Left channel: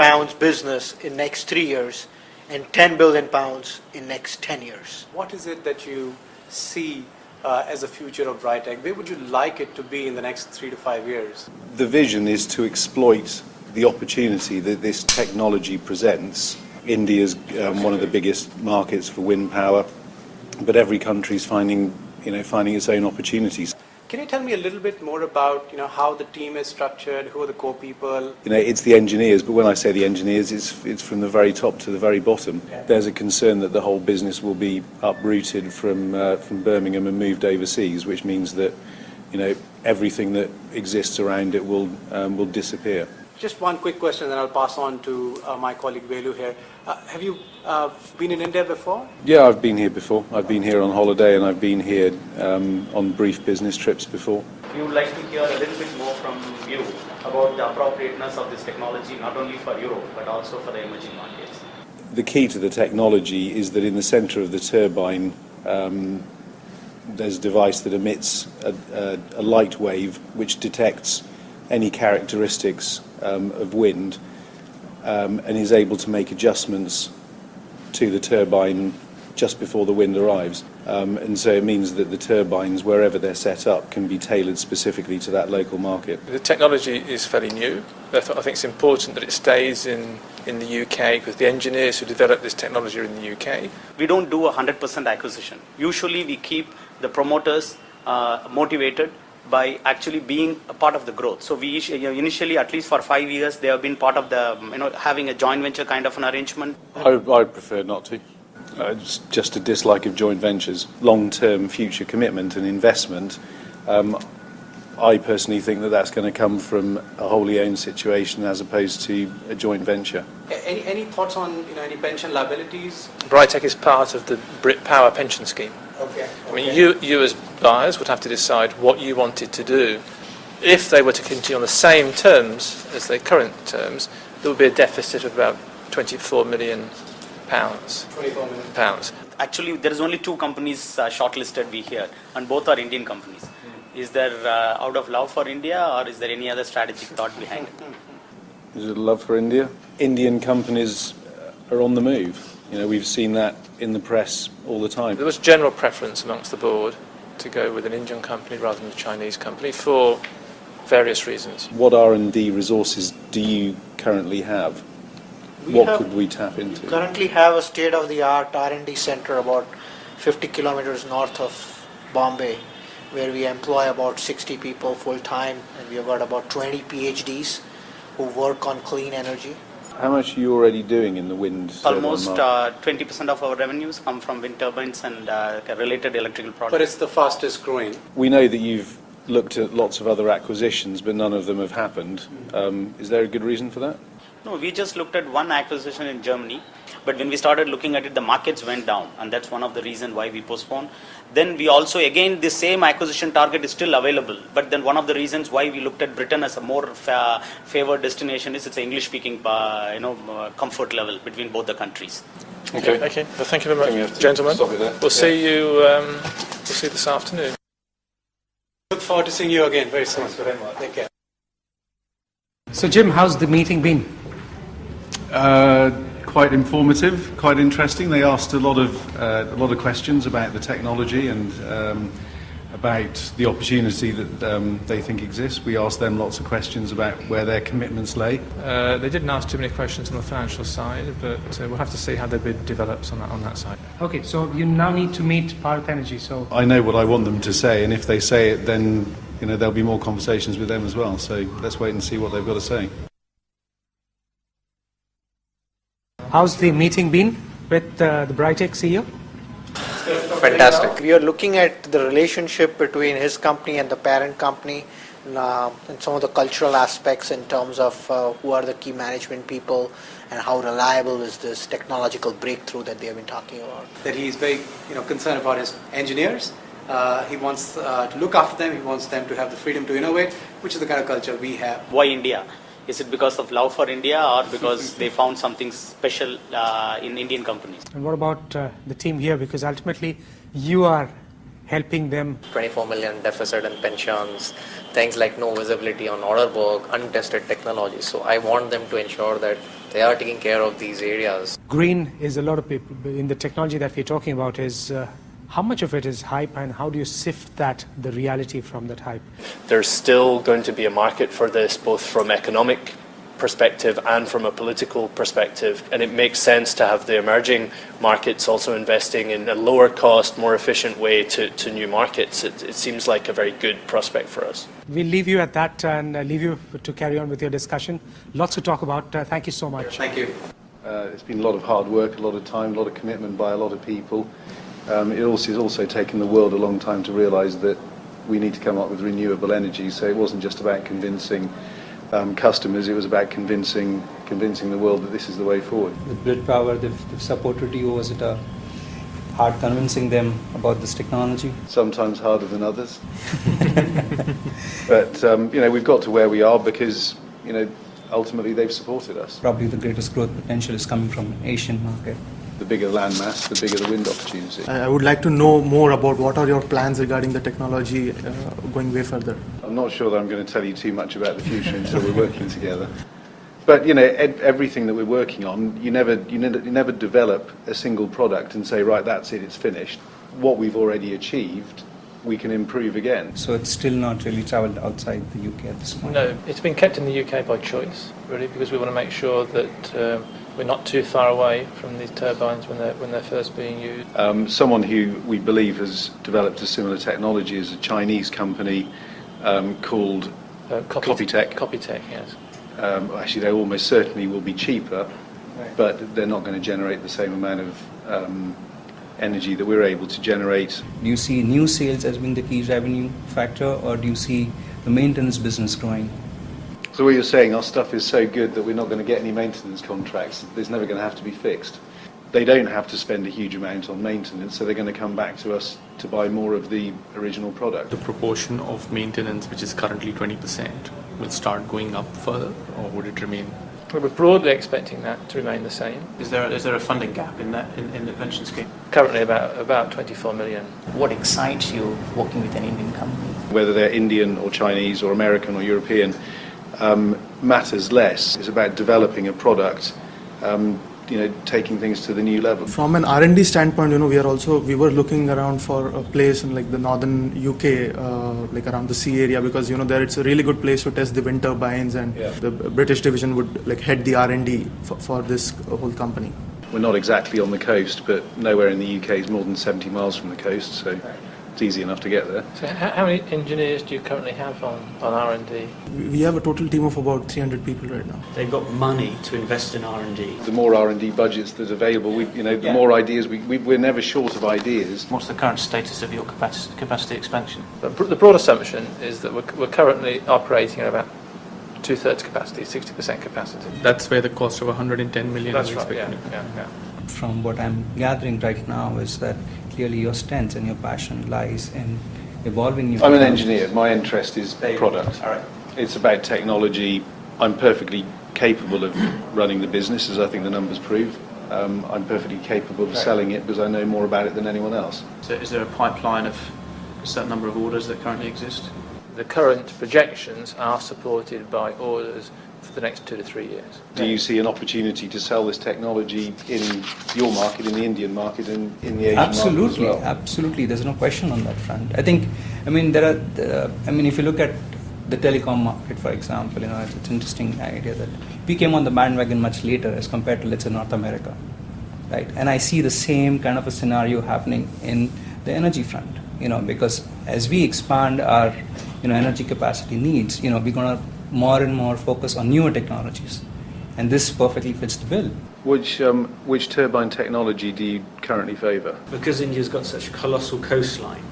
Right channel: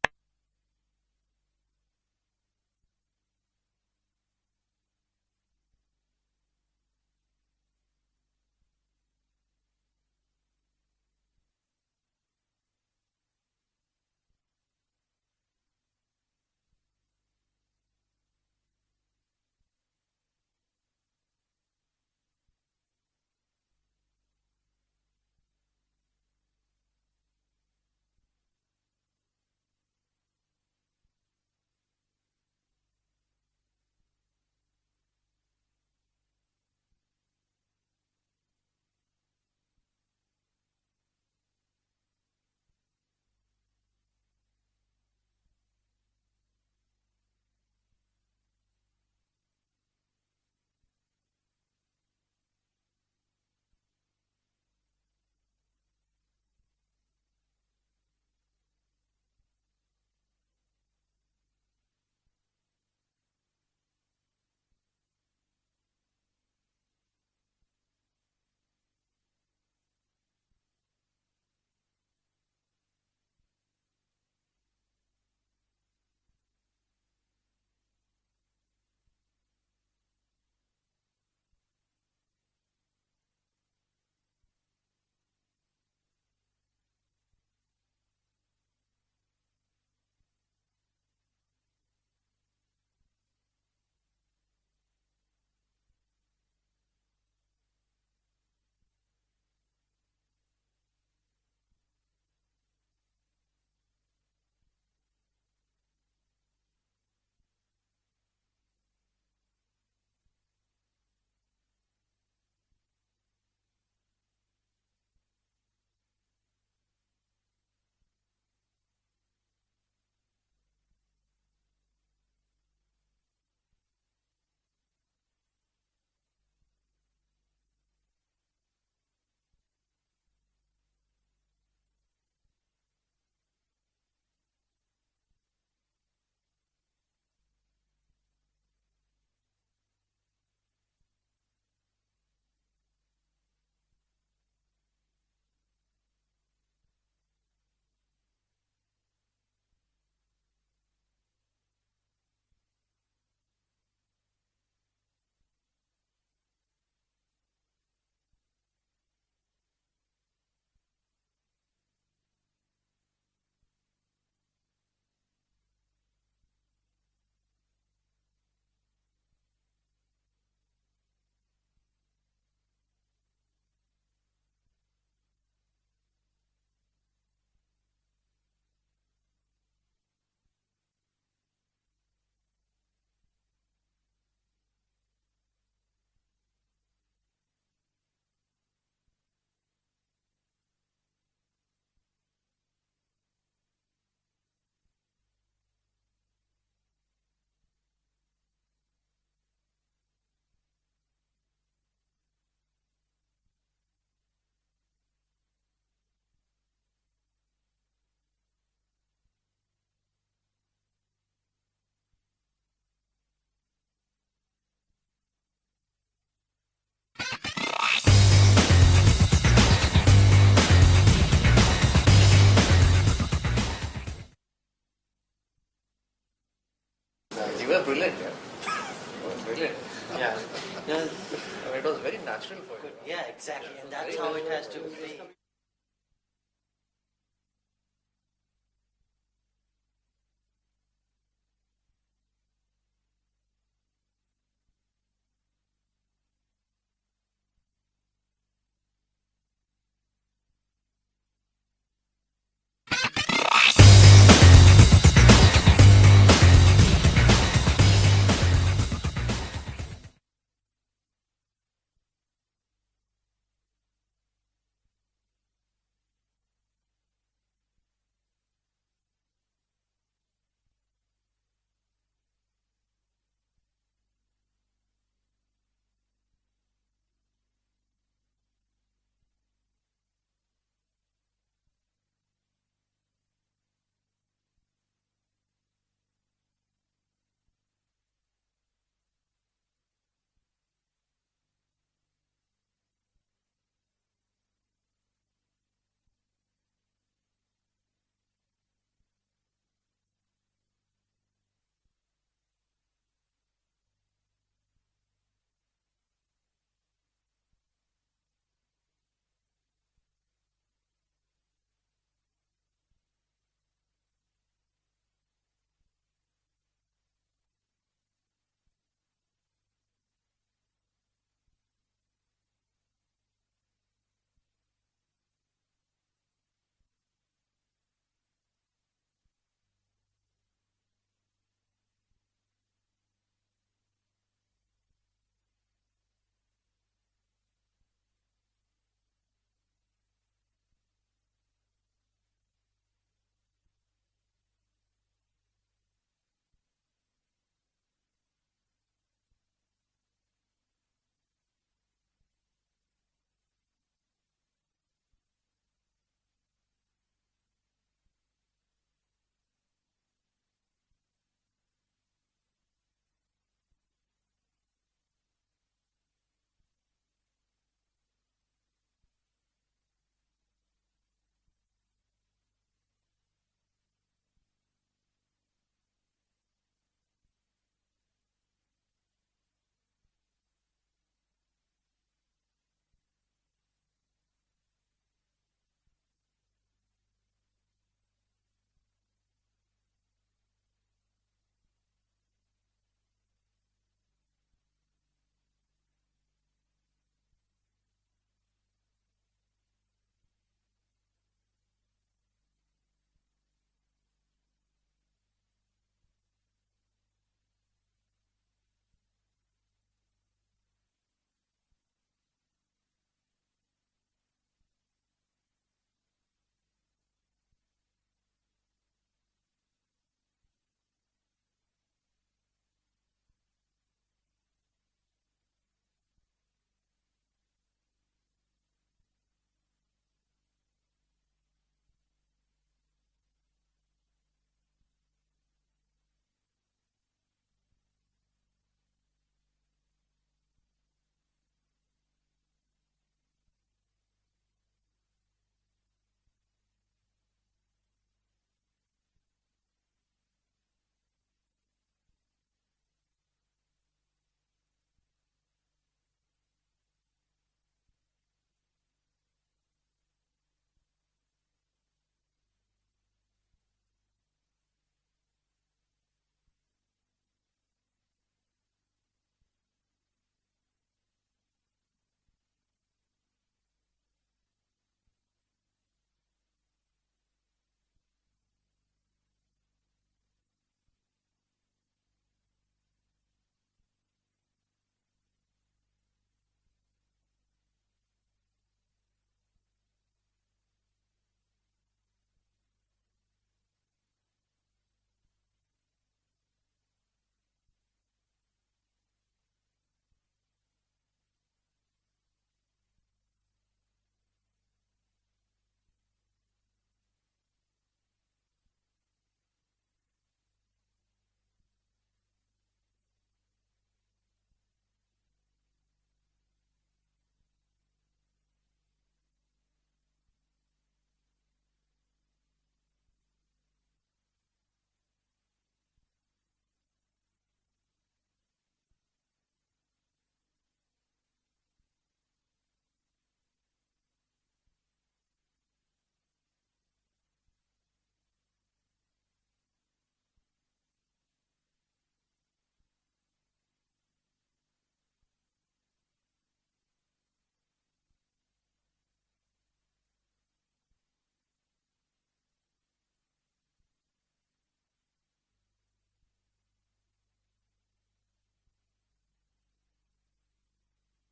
pounds business in next 3 years and 10 billion pounds in next 10 years. What is it that you see as a future of Brightech? Where would you like it to be in the next 3 to 5 years? The vision is to exploit the opportunity that this technology presents. India's one of the biggest markets for wind power, but every country is finding its own opportunities. Can you tell me a little bit more about how the team is structured, who are the core people? It's the engineers, but when I say the engineers, it's from the very top to the very bottom. There's a concern that the whole business will be uprooted from Birmingham and moved overseas, which means that everything that exists around it will disappear. Just one quick question, then I'll pass on to my colleague Velu here. Have you been in India before? Yeah, I've been here before. I've been here on holiday and I've been here on brief business trips before. We would like to hear a little bit more from you about the appropriateness of this technology, not only for Europe, but also for the emerging markets. The key to the technology is that in the centre of the turbine, there's a device that emits a light wave which detects any characteristics of wind and is able to make adjustments to the turbine just before the wind arrives. And so it means that the turbines, wherever they're set up, can be tailored specifically to that local market. The technology is fairly new. I think it's important that it stays in the UK because the engineers who develop this technology are in the UK. We don't do a 100% acquisition. Usually we keep the promoters motivated by actually being a part of the growth. So we initially, at least for 5 years, they have been part of the, having a joint venture kind of an arrangement. I prefer not to. It's just a dislike of joint ventures. Long-term future commitment and investment, I personally think that that's going to come from a wholly owned situation as opposed to a joint venture. Any thoughts on any pension liabilities? Brightech is part of the Brit Power pension scheme. Okay. I mean, you as buyers would have to decide what you wanted to do. If they were to continue on the same terms as their current terms, there would be a deficit of about £24 million. 24 million pounds. Actually, there is only 2 companies shortlisted we hear, and both are Indian companies. Is there out of love for India, or is there any other strategic thought behind it? Is it love for India? Indian companies are on the move. We've seen that in the press all the time. There was general preference amongst the board to go with an Indian company rather than a Chinese company for various reasons. What R&D resources do you currently have? What could we tap into? We currently have a state-of-the-art R&D center about 50 kilometers north of Bombay, where we employ about 60 people full-time, and we have got about 20 PhDs who work on clean energy. How much are you already doing in the wind turbine Almost market? 20% of our revenues come from wind turbines and related electrical products. But it's the fastest growing. We know that you've looked at lots of other acquisitions, but none of them have happened. Is there a good reason for that? No, we just looked at one acquisition in Germany, but when we started looking at it, the markets went down, and that's one of the reasons why we postponed. Then we also, again, the same acquisition target is still available, but then one of the reasons why we looked at Britain as a more favored destination is it's an English-speaking, comfort level between both the countries. Okay. Well, thank you very much, gentlemen. We'll see you. We'll see you this afternoon. Look forward to seeing you again very soon. Take care. So, Jim, how's the meeting been? Quite informative, quite interesting. They asked a lot of questions about the technology and about the opportunity that they think exists. We asked them lots of questions about where their commitments lay. They didn't ask too many questions on the financial side, but we'll have to see how the bid develops on that side. Okay, so you now need to meet Bharat Energy. So I know what I want them to say, and if they say it, then there'll be more conversations with them as well. So let's wait and see what they've got to say. how's the meeting been with Brightech CEO? Fantastic. We are looking at the relationship between his company and the parent company and some of the cultural aspects in terms of who are the key management people and how reliable is this technological breakthrough that they have been talking about. That he is very concerned about his engineers. He wants to look after them. He wants them to have the freedom to innovate, which is the kind of culture we have. Why India? Is it because of love for India or because they found something special in Indian companies? And what about the team here? Because ultimately you are helping them? 24 million deficit in pensions, things like no visibility on order book, untested technology. So I want them to ensure that they are taking care of these areas. Green is a lot of people in the technology that we're talking about is how much of it is hype and how do you sift the reality from that hype? There's still going to be a market for this, both from economic perspective and from a political perspective, and it makes sense to have the emerging markets also investing in a lower cost, more efficient way to new markets. It seems like a very good prospect for us. We'll leave you at that and leave you to carry on with your discussion. Lots to talk about. Thank you so much. Thank you. It's been a lot of hard work, a lot of time, a lot of commitment by a lot of people. It's also taken the world a long time to realise that we need to come up with renewable energy, so it wasn't just about convincing customers, it was about convincing the world that this is the way forward. With Brit Power, they've supported you. Was it hard convincing them about this technology? Sometimes harder than others. But, we've got to where we are because, ultimately they've supported us. Probably the greatest growth potential is coming from an Asian market. The bigger land mass, the bigger the wind opportunity. I would like to know more about what are your plans regarding the technology going way further. I'm not sure that I'm going to tell you too much about the future until we're working together. But everything that we're working on, you never develop a single product and say, right, that's it, it's finished. What we've already achieved, we can improve again. So it's still not really travelled outside the UK at this point? No, it's been kept in the UK by choice, really, because we want to make sure that we're not too far away from these turbines when they're first being used. Someone who we believe has developed a similar technology is a Chinese company called Copytech. Copytech, yes. Actually, they almost certainly will be cheaper, but they're not going to generate the same amount of energy that we're able to generate. Do you see new sales as being the key revenue factor, or do you see the maintenance business growing? So what you're saying, our stuff is so good that we're not going to get any maintenance contracts. It's never going to have to be fixed. They don't have to spend a huge amount on maintenance, so they're going to come back to us to buy more of the original product. The proportion of maintenance, which is currently 20%, will start going up further, or would it remain? We're broadly expecting that to remain the same. Is there a funding gap in the pension scheme? Currently about 24 million. What excites you working with an Indian company? Whether they're Indian or Chinese or American or European matters less. It's about developing a product, taking things to the new level. From an R&D standpoint, we were looking around for a place in like the northern UK, like around the sea area, because there it's a really good place to test the wind turbines, and the British division would like head the R&D for this whole company. We're not exactly on the coast, but nowhere in the UK is more than 70 miles from the coast, so it's easy enough to get there. So how many engineers do you currently have on R&D? We have a total team of about 300 people right now. They've got money to invest in R&D. The more R&D budgets that are available, the more ideas, we're never short of ideas. What's the current status of your capacity expansion? The broad assumption is that we're currently operating at about two-thirds capacity, 60% capacity. That's where the cost of 110 million That's is right, expected. yeah. From what I'm gathering right now is that clearly your strength and your passion lies in evolving new I'm an technologies. engineer. My interest is product. All right. It's about technology. I'm perfectly capable of running the business, as I think the numbers prove. I'm perfectly capable of selling it because I know more about it than anyone else. So is there a pipeline of a certain number of orders that currently exist? The current projections are supported by orders for the next 2 to 3 years. Do you see an opportunity to sell this technology in your market, in the Indian market, and in the Asian market as well? Absolutely. There's no question on that front. I think, if you look at the telecom market, for example, it's an interesting idea that we came on the bandwagon much later as compared to, let's say, North America, right? And I see the same kind of a scenario happening in the energy front, because as we expand our, energy capacity needs, we're going to more and more focus on newer technologies, and this perfectly fits the bill. Which turbine technology do you currently favour? Because India's got such a colossal coastline,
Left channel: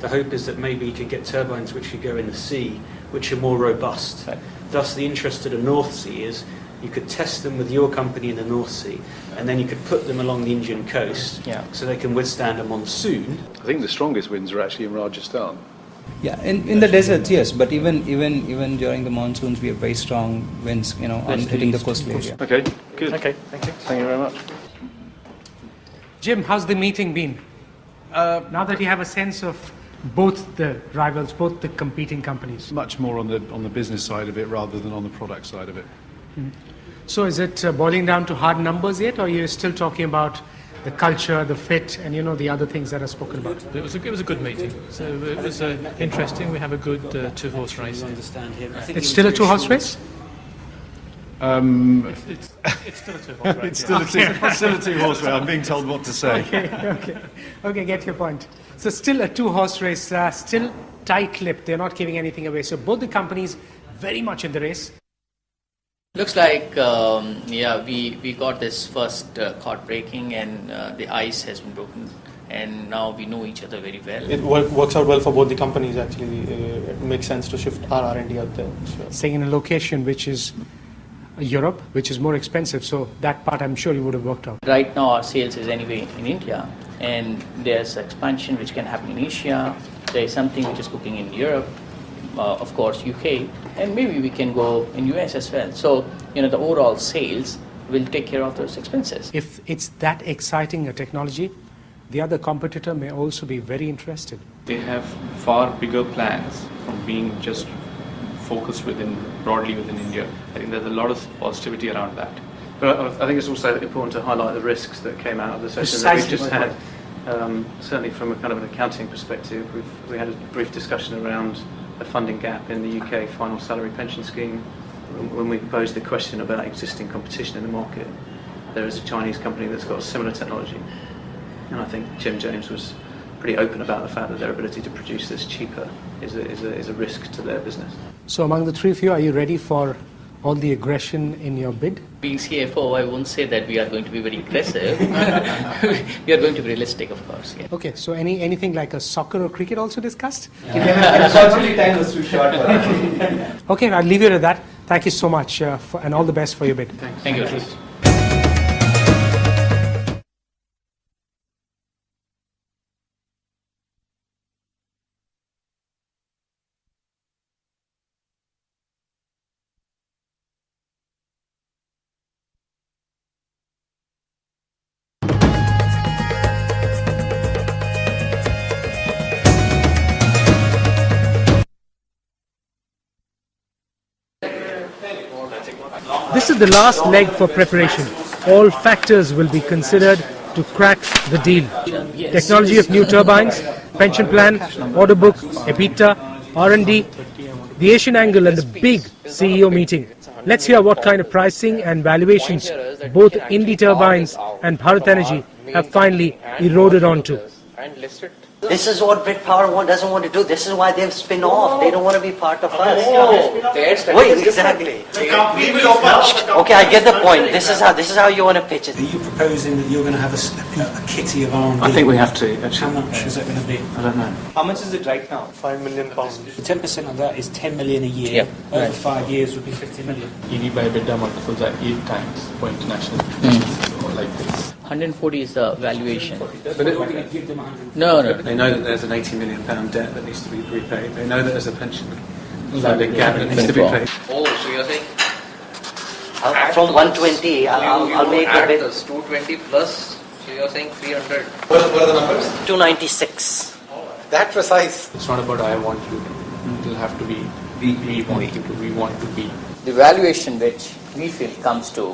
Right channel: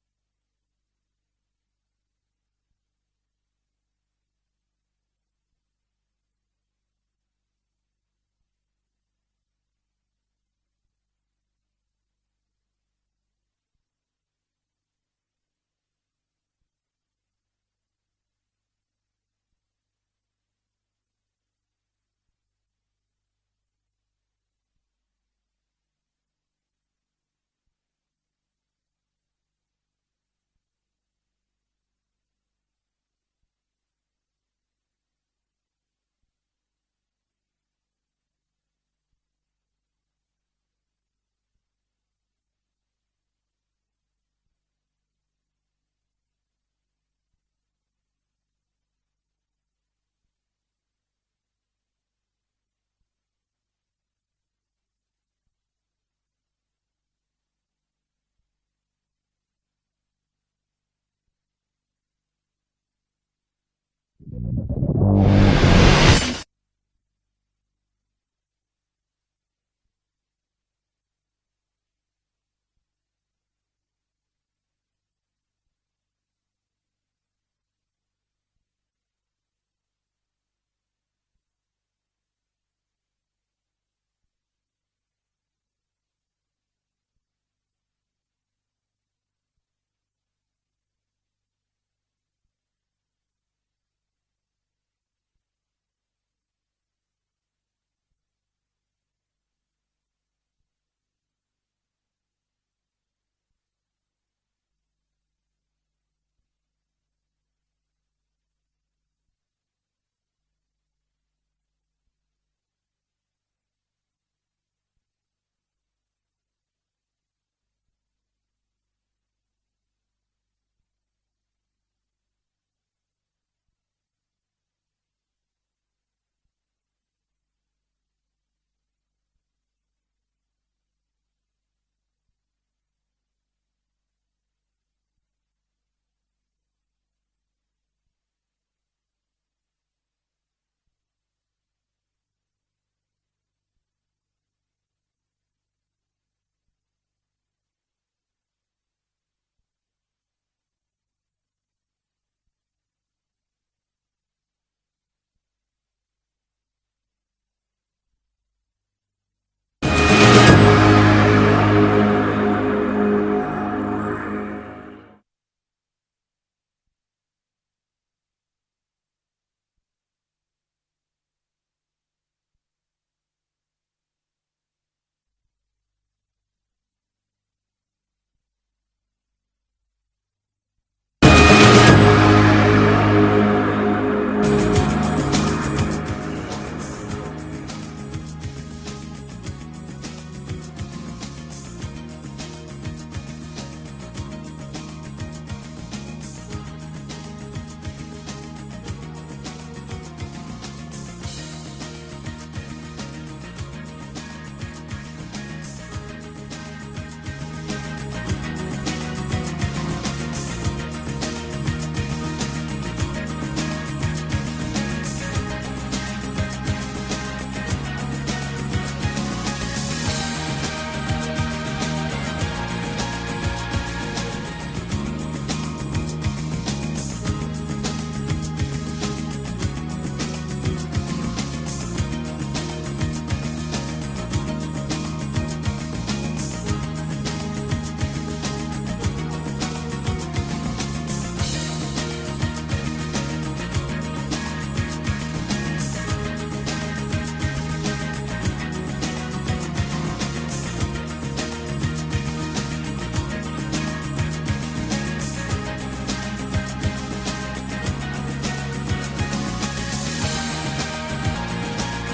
the hope is that maybe you could get turbines which could go in the sea, which are more robust. Right. Thus, the interest of the North Sea is you could test them with your company in the North Sea, and then you could put them along the Indian coast, so they can withstand a monsoon. I think the strongest winds are actually in Rajasthan. Yeah, in the deserts, yes, but even during the monsoons, we have very strong winds, on hitting the coastal area. Okay, good. Okay, thank you. Thank you very much. Jim, how's the meeting been? Now that you have a sense of both the rivals, both the competing companies? Much more on the business side of it rather than on the product side of it. So is it boiling down to hard numbers yet, or are you still talking about the culture, the fit, and the other things that are spoken about? It was a good meeting. So it was interesting. We have a good two-horse race. It's still a two-horse race? It's still a two-horse race. It's still a two-horse race. I'm being told what to say. Okay, get your point. So still a two-horse race, still tight-lipped. They're not giving anything away. So both the companies very much in the race. Looks like, we got this first chord breaking, and the ice has been broken, and now we know each other very well. It works out well for both the companies, actually. It makes sense to shift our R&D out there. So. Staying in a location which is Europe, which is more expensive, so that part I'm sure you would have worked out. Right now our sales is anyway in India, and there's expansion which can happen in Asia. There is something which is cooking in Europe, of course UK, and maybe we can go in US as well. So, the overall sales will take care of those expenses. If it's that exciting a technology, the other competitor may also be very interested. They have far bigger plans from being just focused broadly within India. I think there's a lot of positivity around that. But I think it's also important to highlight the risks that came out of the session that we've just had. Certainly from a kind of an accounting perspective, we had a brief discussion around a funding gap in the UK final salary pension scheme. When we posed the question about existing competition in the market, there is a Chinese company that's got a similar technology. And I think Jim James was pretty open about the fact that their ability to produce this cheaper is a risk to their business. So among the three of you, are you ready for all the aggression in your bid? Being CFO, I won't say that we are going to be very aggressive. We are going to be realistic, of course. Yeah. Okay, so anything like a soccer or cricket also discussed? Unfortunately, time was too short for us. Okay, I'll leave you to that. Thank you so much, and all the best for your bid. Thank you. This is the last leg for preparation. All factors will be considered to crack the deal. Technology of new turbines, pension plan, order book, EBITDA, R&D, the Asian angle and the big CEO meeting. Let's hear what kind of pricing and valuations both NDTV and Bharat Energy have finally eroded onto. This is what Brit Power doesn't want to do. This is why they've spin off. They don't want to be part of us. Wait, exactly. Okay, I get the point. This is how you want to pitch it. Proposing you're going to have a kitty of arms. I think we have to. How much is it going to be? I don't know. How much is it right now? 5 million pounds. 10% of that is 10 million a year. Over 5 years would be 50 million. You need by EBITDA multiples at 8 times for international. Or like this. 140 is the valuation. But No. they know that there's an £80 million debt that needs to be repaid. They know that there's a pension funding gap that needs to be paid. Oh, so you're saying From 120, I'll make a bit. 220 plus, so you're saying 300. What are the numbers? 296. That precise. It's not about I want to. You have to be we want to be. The valuation that immediately comes to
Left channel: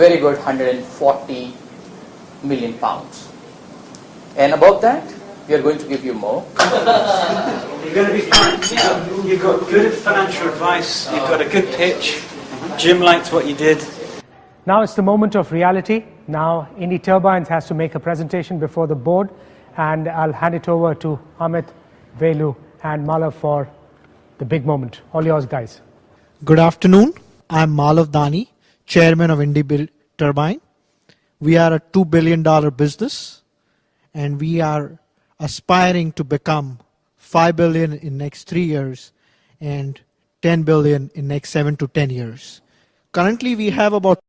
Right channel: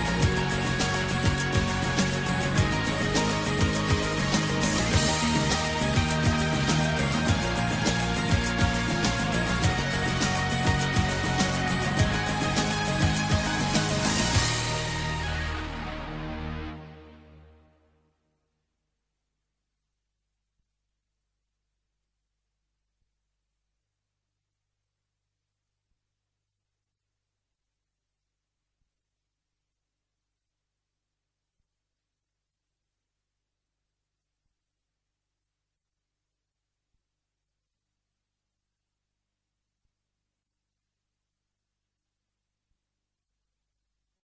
very good 140 million pounds. And above that, we are going to give you more. You're going to be fine. Yeah. You've got good financial advice. You've got a good pitch. Jim liked what you did. Now it's the moment of reality. Now Indie Turbines has to make a presentation before the board, and I'll hand it over to Amit, Velu and Malav for the big moment. All yours, guys. Good afternoon. I'm Malav Dani, Chairman of Indie Turbine. We are a $2 billion business, and we are aspiring to become $5 billion in next 3 years and $10 billion in next 7 to 10 years. Currently, we have about